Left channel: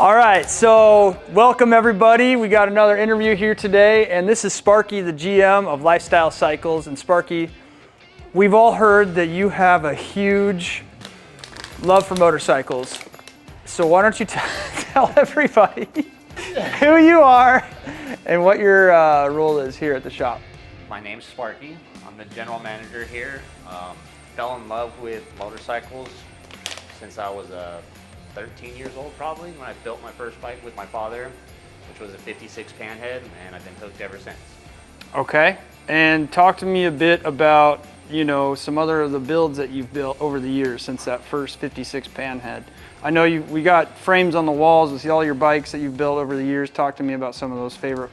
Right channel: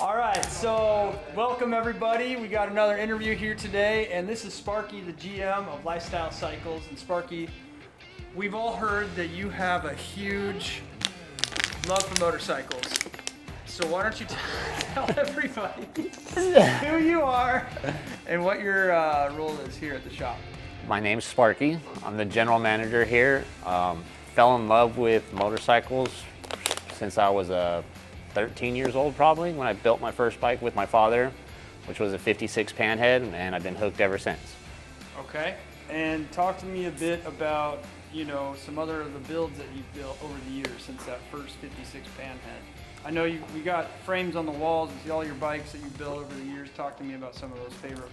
All right, so welcome everybody. We got another interview here today, and this is Sparky, the GM of Lifestyle Cycles. And Sparky, we've all heard that you have a huge love for motorcycles. So why don't you tell everybody who you are and what your role is here at the shop. My name's Sparky. I'm the general manager here. Fell in love with motorcycles since I was 13 years old probably, when I built my first bike with my father, which was a 56 Panhead, and I've been hooked ever since. Okay, and talk to me a bit about, you know, some other of the builds that you've built over the years since that first 56 Panhead. I know we got frames on the walls with all your bikes that you've built over the years. Talk to me about some of those favorite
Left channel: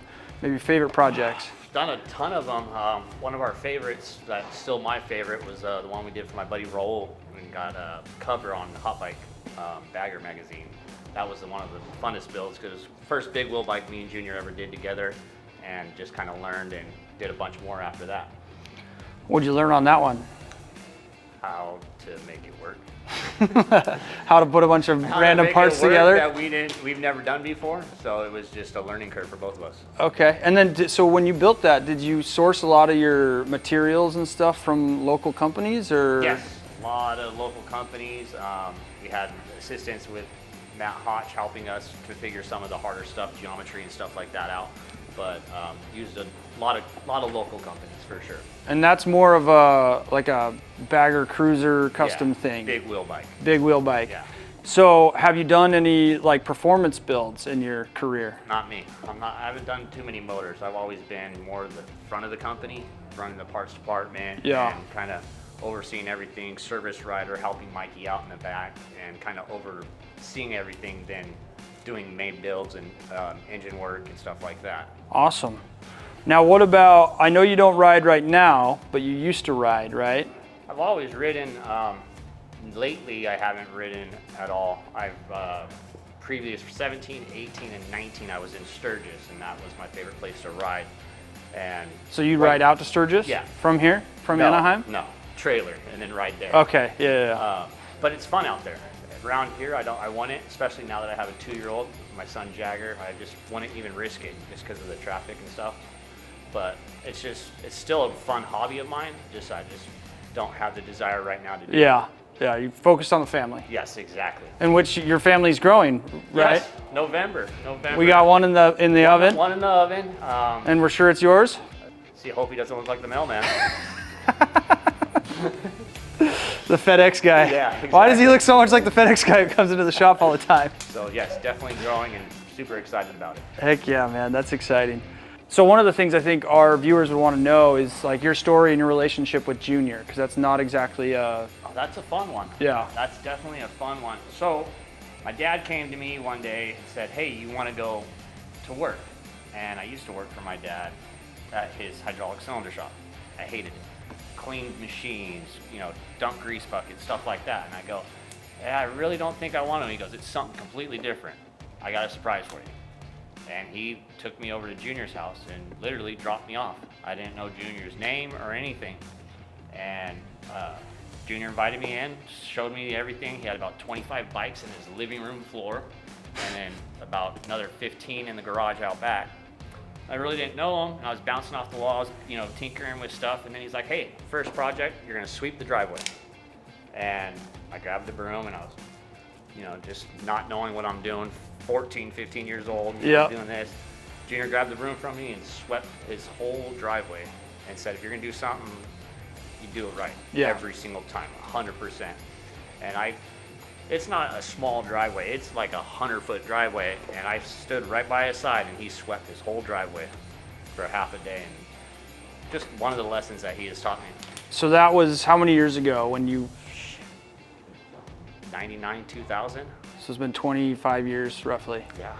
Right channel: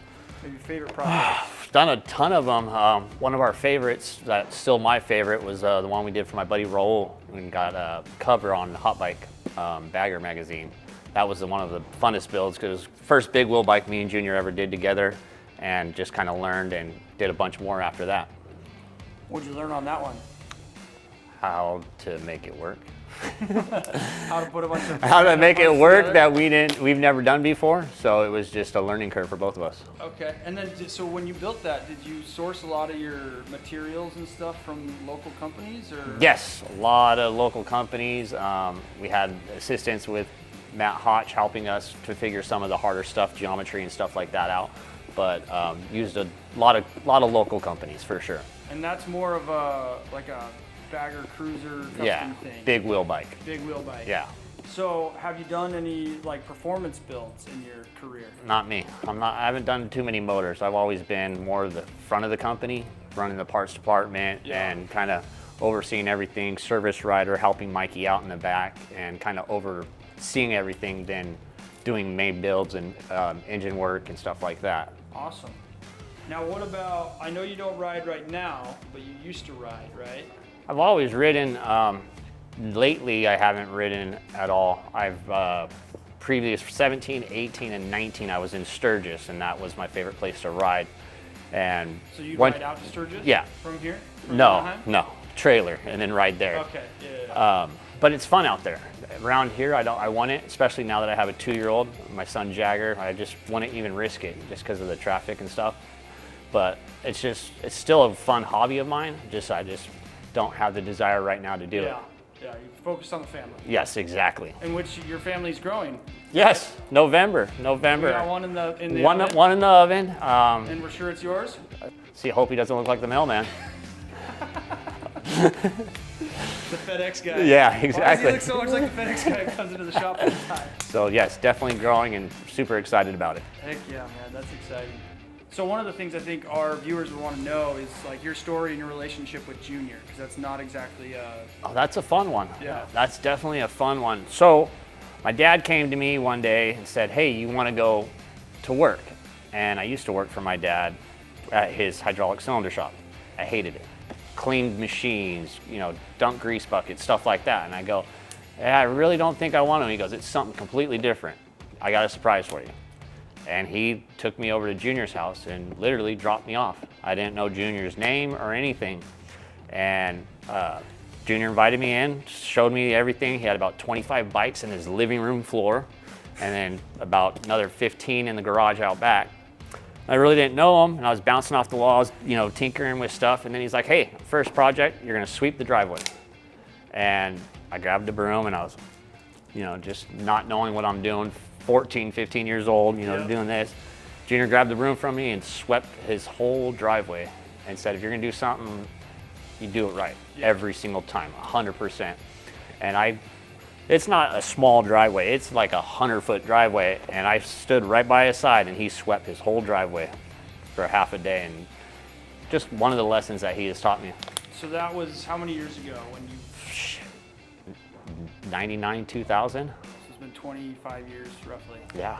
projects. Done a ton of them. One of our favorites, that's still my favorite, was the one we did for my buddy Raul. We got a cover on Hot Bike Bagger magazine. That was one of the funnest builds because it was the first big wheel bike me and Junior ever did together, and just kind of learned and did a bunch more after that. What'd you learn on that one? How to make it work. How to put a bunch of How to make it work together? that we've never done before. So it was just a learning curve for both of us. Okay, and then so when you built that, did you source a lot of your materials and stuff from local companies, or? Yes, a lot of local companies. We had assistance with Matt Hotch helping us to figure some of the harder stuff, geometry and stuff like that out. But used a lot of local companies for sure. And that's more of a like a bagger cruiser custom thing. Big wheel bike. Big wheel bike. Yeah. So have you done any like performance builds in your career? Not me. I haven't done too many motors. I've always been more the front of the company, running the parts department, and kind of overseeing everything, service rider, helping Mikey out in the back, and kind of overseeing everything, then doing main builds and engine work and stuff like that. Awesome. Now what about, I know you don't ride right now, but you used to ride, right? I've always ridden. Lately I haven't ridden at all. I've previous 17, 18, and 19 I was in Sturgis, and that was my favorite place to ride. And so you ride out to Sturgis? Yeah. From here? From Anaheim? No, trailer and then ride there. Okay, yeah. But it's fun out there. Around here, I want it, especially now that I have a 2-year-old, my son Jagger. I just wouldn't even risk it just because of the traffic and stuff. But it's still a fun hobby of mine. I just don't have the desire right now to do it. Yeah, you focused on the family. Yes, exactly. In which your family's growing, right? Yes, November. We got one in the oven. One in the oven. And we're sure it's yours? See, hope he doesn't look like the mailman. The FedEx guy. Yeah, exactly. Why does he look so much like the FedEx guy who comes into the shop all the time? So yes, definitely growing and super excited about it. Heck yeah, man, that's exciting. So one of the things I think our viewers would want to know is like your story and your relationship with Junior, because that's not exactly Oh, that's a fun one. Yeah. That's definitely a fun one. So my dad came to me one day and said, hey, you want to go to work? And I used to work for my dad at his hydraulic cylinder shop. I hated it. Cleaned machines, dumped grease buckets, stuff like that. And I go, yeah, I really don't think I want to. And he goes, it's something completely different. I got a surprise for you. And he took me over to Junior's house and literally dropped me off. I didn't know Junior's name or anything. And Junior invited me in, showed me everything. He had about 25 bikes in his living room floor, and then about another 15 in the garage out back. I really didn't know him, and I was bouncing off the walls, tinkering with stuff. And then he's like, hey, first project, you're gonna sweep the driveway. And I grabbed the broom, and I was, just not knowing what I'm doing, 14, 15 years old, doing this. Junior grabbed the broom from me and swept his whole driveway and said, if you're gonna do something, you do it right. Every single time, 100%. And it's not a small driveway, it's like a 100-foot driveway, and I stood right by his side and he swept his whole driveway for half a day, and just one of the lessons that he has taught me. So that was how many years ago when you? 99, 2000. So it's been 25 years roughly. Yeah.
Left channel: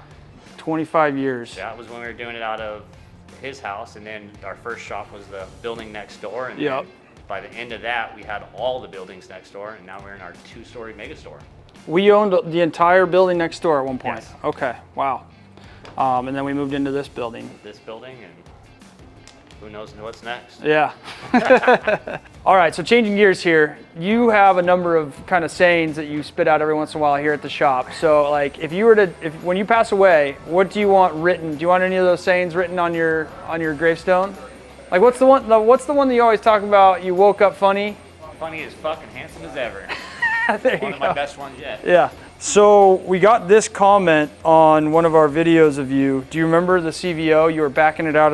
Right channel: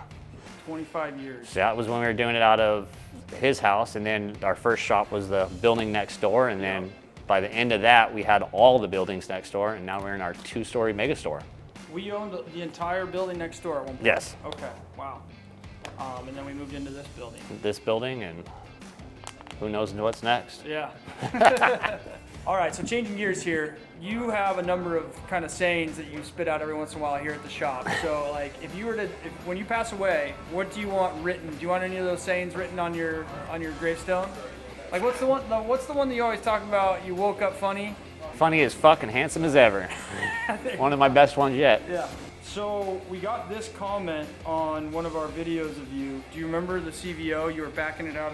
25 years. That was when we were doing it out of his house, and then our first shop was the building next door, and then by the end of that, we had all the buildings next door, and now we're in our 2-story mega store. We owned the entire building next door at one point? Yes. Okay, wow. And then we moved into this building. And who knows what's next? Yeah. All right, so changing gears here, you have a number of kind of sayings that you spit out every once in a while here at the shop. So like if you were to, when you pass away, what do you want written? Do you want any of those sayings written on your gravestone? Like what's the one that you always talk about, you woke up funny? Funny as fuck and handsome as ever. One of my best ones yet. Yeah. So we got this comment on one of our videos of you. Do you remember the CVO? You were backing out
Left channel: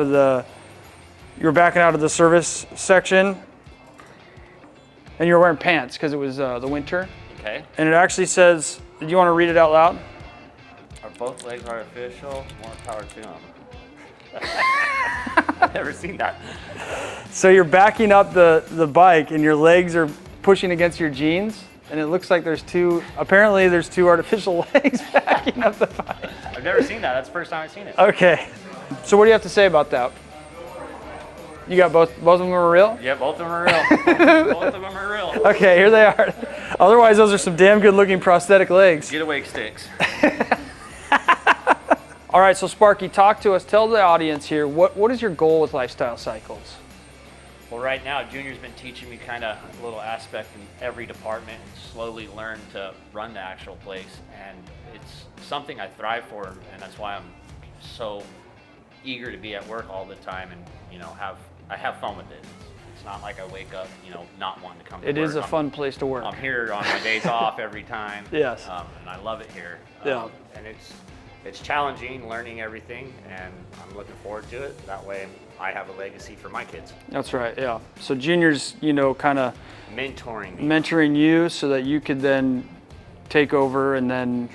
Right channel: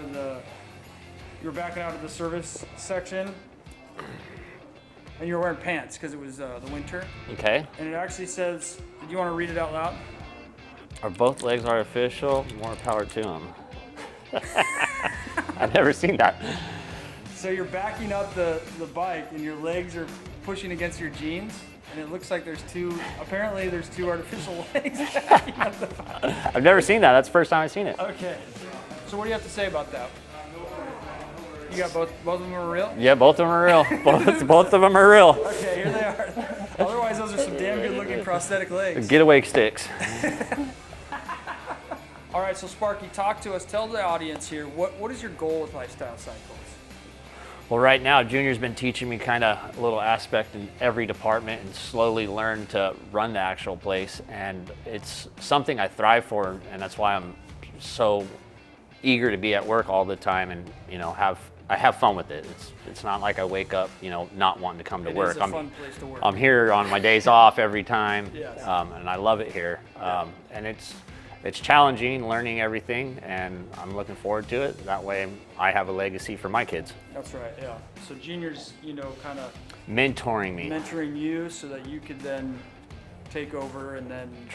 of the service section, and you were wearing pants because it was the winter. Okay. And it actually says, do you want to read it out loud? Are both legs artificial? More power to them. I've never seen that. So you're backing up the bike and your legs are pushing against your jeans, and it looks like there's two artificial legs backing up the bike. I've never seen that. That's the first time I've seen it. Okay. So what do you have to say about that? You got both of them are real? Yeah, both of them are real. Both of them are real. Okay, here they are. Otherwise, those are some damn good looking prosthetic legs. Getaway sticks. All right, so Sparky, talk to us. Tell the audience here, what is your goal with Lifestyle Cycles? Well, right now, Junior's been teaching me kind of a little aspect in every department and slowly learn to run the actual place. And it's something I thrive for, and that's why I'm so eager to be at work all the time and, I have fun with it. It's not like I wake up, not wanting to come to work. It is a fun place to work. I'm here on my days off every time. Yes. And I love it here. Yeah. And it's challenging, learning everything, and I'm looking forward to it. That way I have a legacy for my kids. That's right, yeah. So Junior's, kind of mentoring you so that you could then take over and then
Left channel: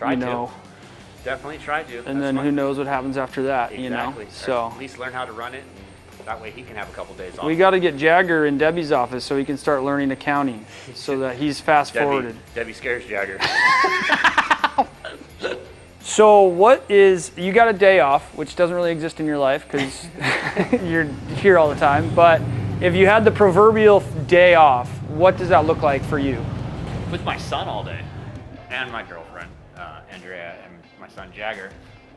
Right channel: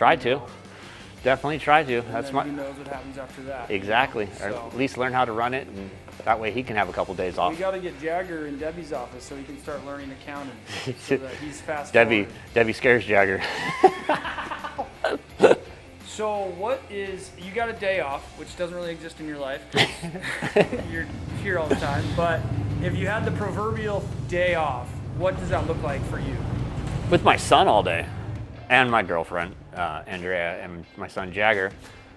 Definitely try to. And then who knows what happens after that. Exactly. So at least learn how to run it, and that way he can have a couple days off. We got to get Jagger in Debbie's office so he can start learning accounting so that he's fast forwarded. Debbie scares Jagger. So you got a day off, which doesn't really exist in your life because you're here all the time, but if you had the proverbial day off, what does that look like for you? With my son all day and my girlfriend, Andrea, and my son Jagger.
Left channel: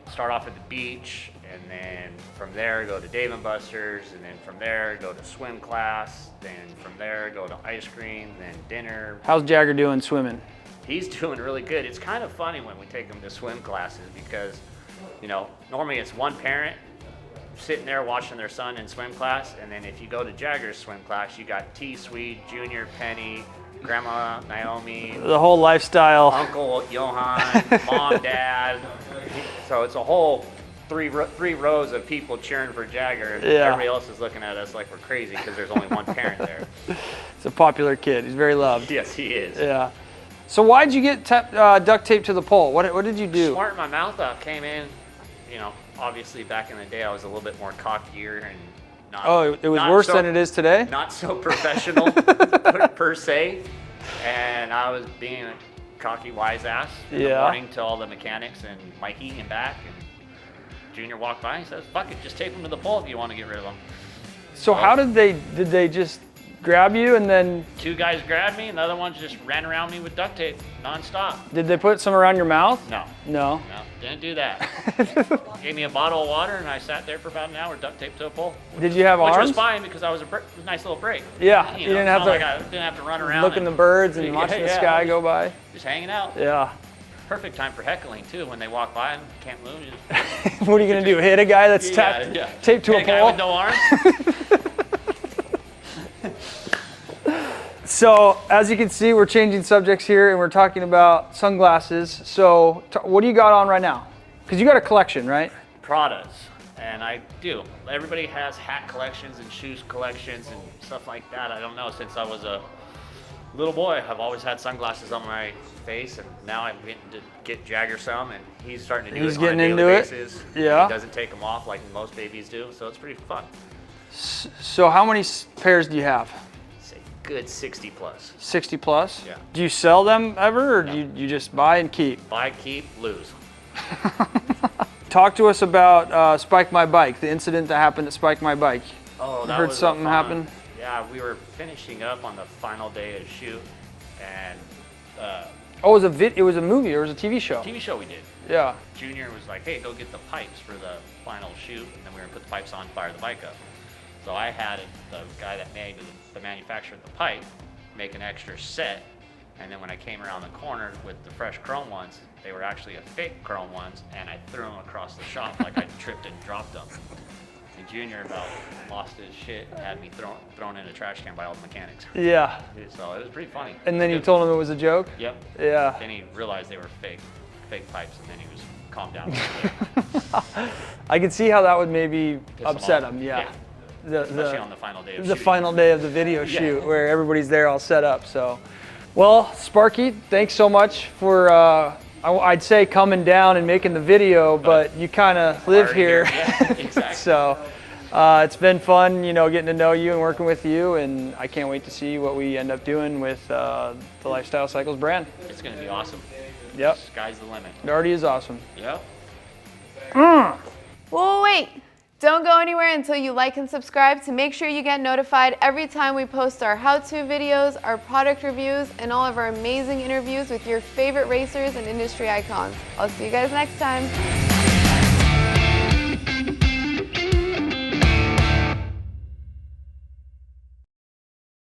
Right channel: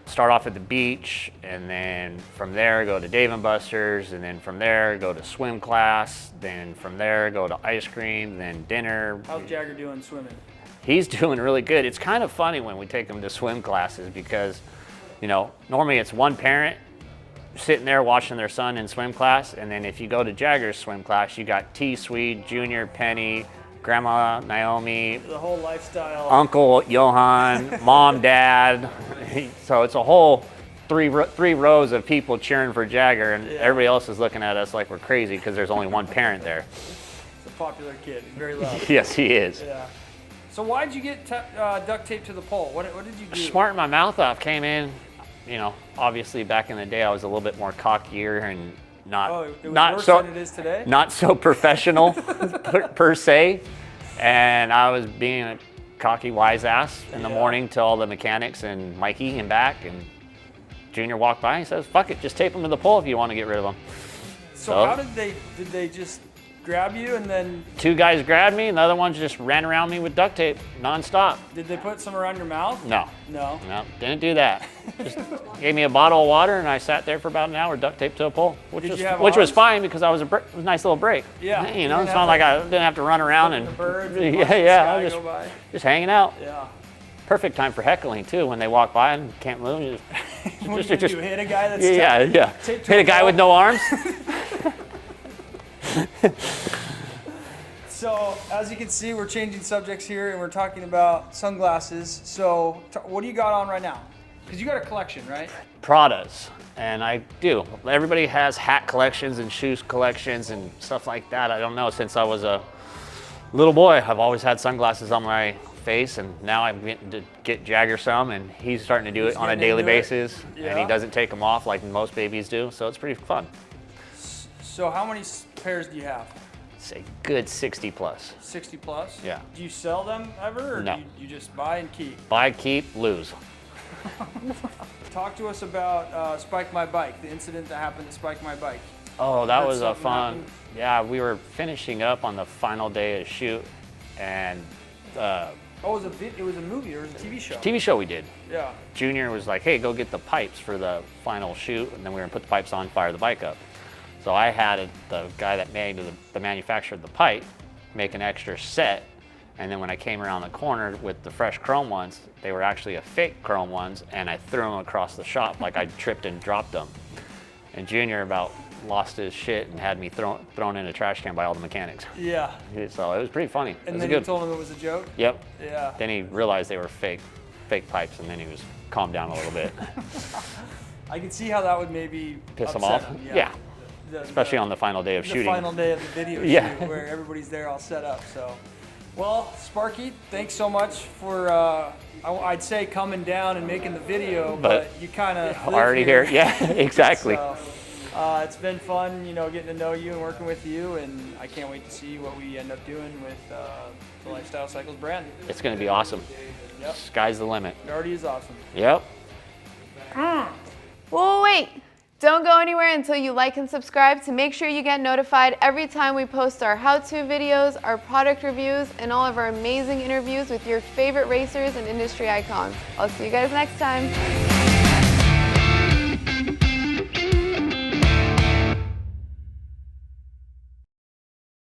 Start off at the beach, and then from there go to Dave & Buster's, and then from there go to swim class, then from there go to ice cream, then dinner. How's Jagger doing swimming? He's doing really good. It's kind of funny when we take him to swim classes because, normally it's one parent sitting there watching their son in swim class, and then if you go to Jagger's swim class, you got T, Swede, Junior, Penny, Grandma, Naomi, the whole lifestyle, Uncle Johan, Mom, Dad. So it's a whole three rows of people cheering for Jagger, and everybody else is looking at us like we're crazy because there's only one parent there. He's a popular kid. He's very loved. Yes, he is. Yeah. So why'd you get duct taped to the pole? What did you do? Smarting my mouth off. Came in, obviously back in the day I was a little bit more cockier and not. Oh, it was worse than it is today? Not so professional per se. And I was being a cocky wise ass in the morning to all the mechanics and Mikey and back, and Junior walked by and says, fuck it, just tape them to the pole if you want to get rid of them. So how did they just grab you and then? Two guys grabbed me and the other ones just ran around me with duct tape nonstop. Did they put some around your mouth? No. No, Didn't do that. Just gave me a bottle of water and I sat there for about an hour duct taped to a pole. Did you have Which arms? was fine because I was a nice little break. Yeah. It's not like I didn't have to run around looking the birds and watching the sky go by. Just hanging out. Yeah. Perfect time for heckling too. When they walk by and can't move. What are you gonna do? Hit a guy that's taped to Hit a guy with no arms. So as you can see, we're changing subjects here and we're talking about sunglasses. So what do you got on right now? Because you got a collection, right? Pradas, and I do. Everybody has hat collections and shoes collections and stuff like that. I don't know, since I was a little boy, I've always had sunglasses on my face, and now I'm getting to get Jagger some, and he's starting to do it on a daily basis. Yeah. He doesn't take them off like most babies do, so it's pretty fun. So how many pairs do you have? Say good 60 plus. 60 plus? Yeah. Do you sell them ever, or No. do you just buy and keep? Buy, keep, lose. Talk to us about Spike My Bike, the incident that happened at Spike My Bike. Oh, that was something fun. happen? Yeah, we were finishing up on the final day of shoot, and Oh, it was a movie, or it was a TV show? TV show we did. Yeah. Junior was like, hey, go get the pipes for the final shoot, and then we were gonna put the pipes on, fire the bike up. So I had the guy that made the manufactured the pipe make an extra set, and then when I came around the corner with the fresh chrome ones, they were actually a fake chrome ones, and I threw them across the shop like I tripped and dropped them. And Junior about lost his shit and had me thrown in a trash can by all the mechanics. Yeah. So it was pretty funny. And then you told him it was a joke? Yep. Yeah. Then he realized they were fake pipes, and then he was calmed down a little bit. I could see how that would maybe Piss upset him off. him. Yeah. Especially on the final day of shooting. The final day of the video shoot where everybody's there all set up. So, well, Sparky, thanks so much for I'd say coming down and making the video, but you kind of live here. Yeah, exactly. So it's been fun, you know, getting to know you and working with you, and I can't wait to see what we end up doing with the Lifestyle Cycles brand. It's going to be awesome. Yep. Sky's the limit. It already is awesome. Yep. Well, wait. Don't go anywhere until you like and subscribe to make sure you get notified every time we post our how-to videos, our product reviews, and all of our amazing interviews with your favorite racers and industry icons. I'll see you guys next time.